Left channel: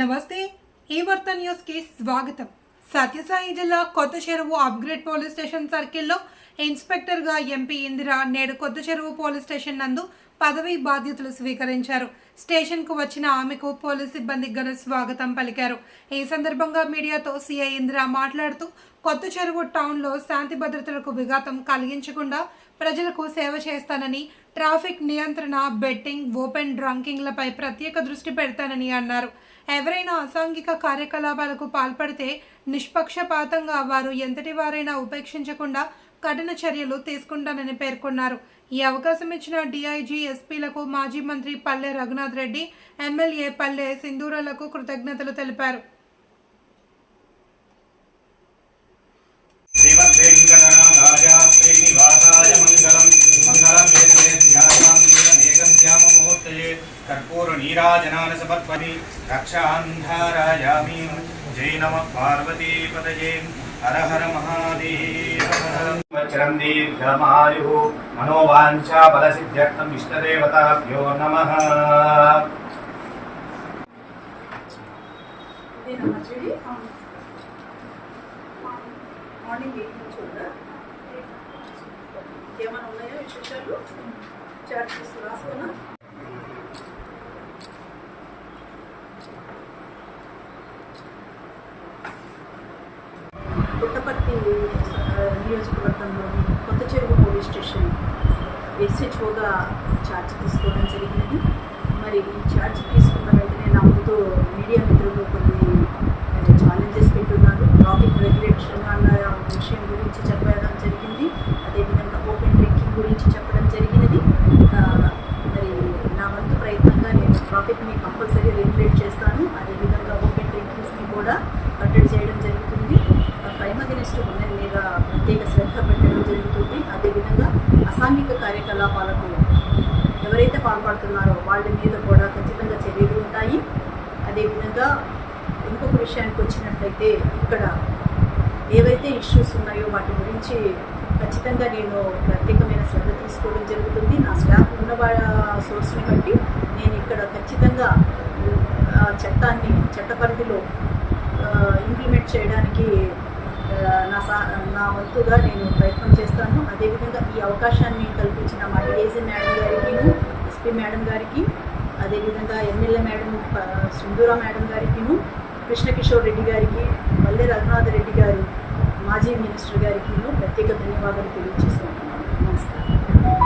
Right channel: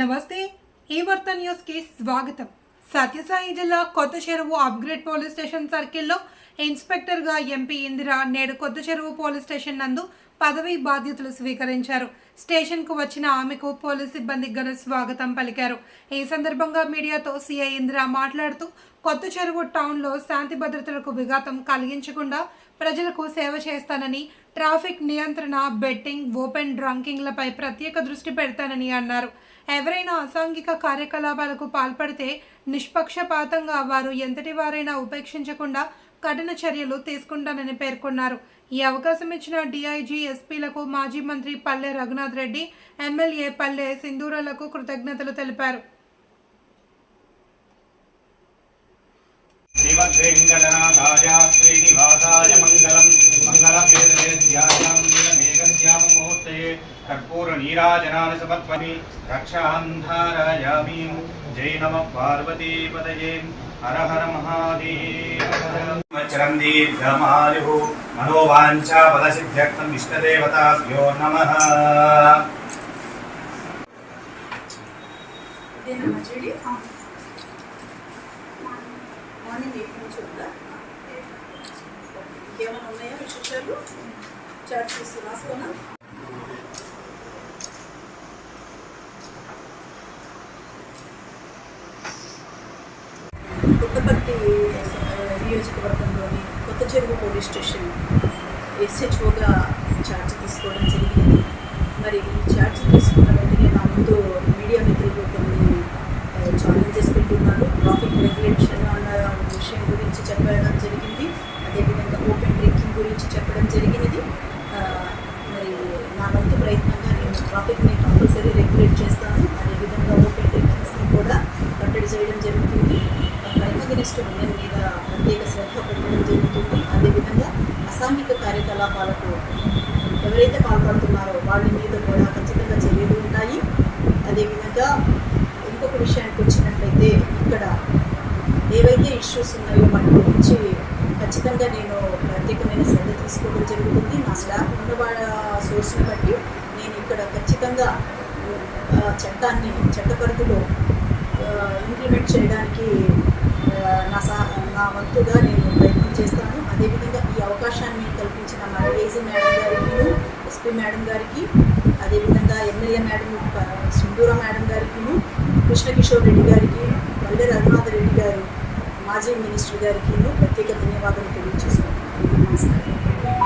నమస్తే ఈ వార్త న్యూస్కి స్వాగతం. సత్యసాయి జిల్లా కొత్త చెరువు అప్గ్రేడ్ పోలీస్ స్టేషన్ సర్కిల్లో ఇన్స్పెక్టర్గా ఎంపీ ఇందిర నేడు కొత్త చెరువు పోలీస్ స్టేషన్ నందు పదవి బాధ్యతలు స్వీకరించారు. స్టేషన్కు వచ్చిన ఆమెకు పోలీస్ సిబ్బంది ఘన స్వాగతం పలికారు. ఈ సందర్భంగా మీడియాతో సీఐ ఇందిర మాట్లాడుతూ కొత్త చెరువు టౌన్లో శాంతి భద్రతలకు విఘాతం కలిగించకుండా ప్రజలకు సేవ చేస్తానని ట్రాఫిక్ నియంత్రణ బెట్టింగ్ ఓపెన్ డ్రంకింగ్లపై ప్రత్యేక దృష్టి పెడతానని అన్నారు. ఎవరైనా అసాంఘిక కార్యకలాపాలకు పాల్పడితే నిష్పక్షపాతంగా వారు ఎంతటి వారైనా ఉపేక్షించకుండా కఠిన చర్యలు తీసుకుంటానని పేర్కొన్నారు. ఈ అవకాశం ఇచ్చిన డిఐజీ ఎస్పీలకు మాజీ మంత్రి పల్లె రఘునాథ్ రెడ్డి ఎమ్మెల్యే పల్లె సింధూరాలకు కృతజ్ఞతలు తెలిపారు. కర్పూర నీరాజనాన సమర్పణి జై నమ పార్వతీపదయే హర హర మహాదేవ చిరందీర్ఘమాయు దీర్ఘమాయు మనోవాంఛా ఫలసిద్ధ్యర్థం ఇష్టదేవతాభ్యో మార్నింగ్ ఎయిట్ నుంచి ఉందా ఉన్నాయా విశేషాలు? చాట్ చేసి రాసుకోనా? పుట్టపర్తి నియోజకవర్గంలోని కొత్త చెరువు పోలీస్ స్టేషన్ ఎస్హెచ్ఓగా ఛార్జ్ తీసుకోవడం జరిగింది. మరి ఈ ఛార్జ్ తీసుకున్న వెంటనే నా ముందు మీడియా మిత్రులు కొన్ని ఛాలెంజెస్ పెట్టున్నారు. ట్రాఫిక్ రెగ్యులేషన్ అన్న విషయం గురించి చెప్పడం జరిగింది. అదేవిధంగా ఓపెన్ డ్రింకింగ్ గురించి చెప్పడం జరిగినది. మరి నా వంతు ప్రయత్నంగా నేను ట్రాఫిక్ని కంపల్సరీ రెగ్యులేట్ చేస్తాను అదేవిధంగా ఓపెన్ డ్రింకింగ్స్ని కూడా కట్టడి చేయడం జరుగుతుంది క్రైమ్ అగెనిస్ట్ ఉమెన్ మీద ప్రత్యేక శ్రద్ధ పెట్టడం జరుగుతుంది. అదేవిధంగా అసాంఘిక కార్యకలాపాలకు ఎవరైతే పాల్పడుతున్నారో వాళ్ళ మీద కూడా ఖచ్చితంగా చర్యలు ఉంటాయి. అదేవిధంగా ఇంకొక విషయానికి వచ్చినట్లయితే ఇక్కడ ఏవైతే ఇష్యూస్ ఉన్నాయో వాటి గురించి ఖచ్చితంగా నేను ప్రత్యేకమైన శ్రద్ధ తీసుకోవడం జరుగుతుంది. నా స్టాఫ్ ఉన్న వాళ్ళ సోర్స్ని బట్టి నేను ఇక్కడ ఖచ్చితంగా చట్టాన్ని చట్టపరిధిలో ఇంప్లిమెంట్ చేయడానికి నా సా నా వంతుగా నేను ప్రయత్నం చేస్తాను. అదేవిధంగా ఈ అవకాశాన్ని కల్పించిన మా ఏజీ మేడం గారికి ఎస్పీ మేడం గారికి అదేవిధంగా ఎమ్మెల్యే మేడం సుందూర మేడం గారికి కృష్ణకిషోర్ రెడ్డి గారికి వల్లే రఘునాథ్ రెడ్డి గారు మాజీ మినిస్టర్ గారికి ప్రత్యేక ధన్యవాదాలు తెలియజేస్తున్నాను. నమస్కారం.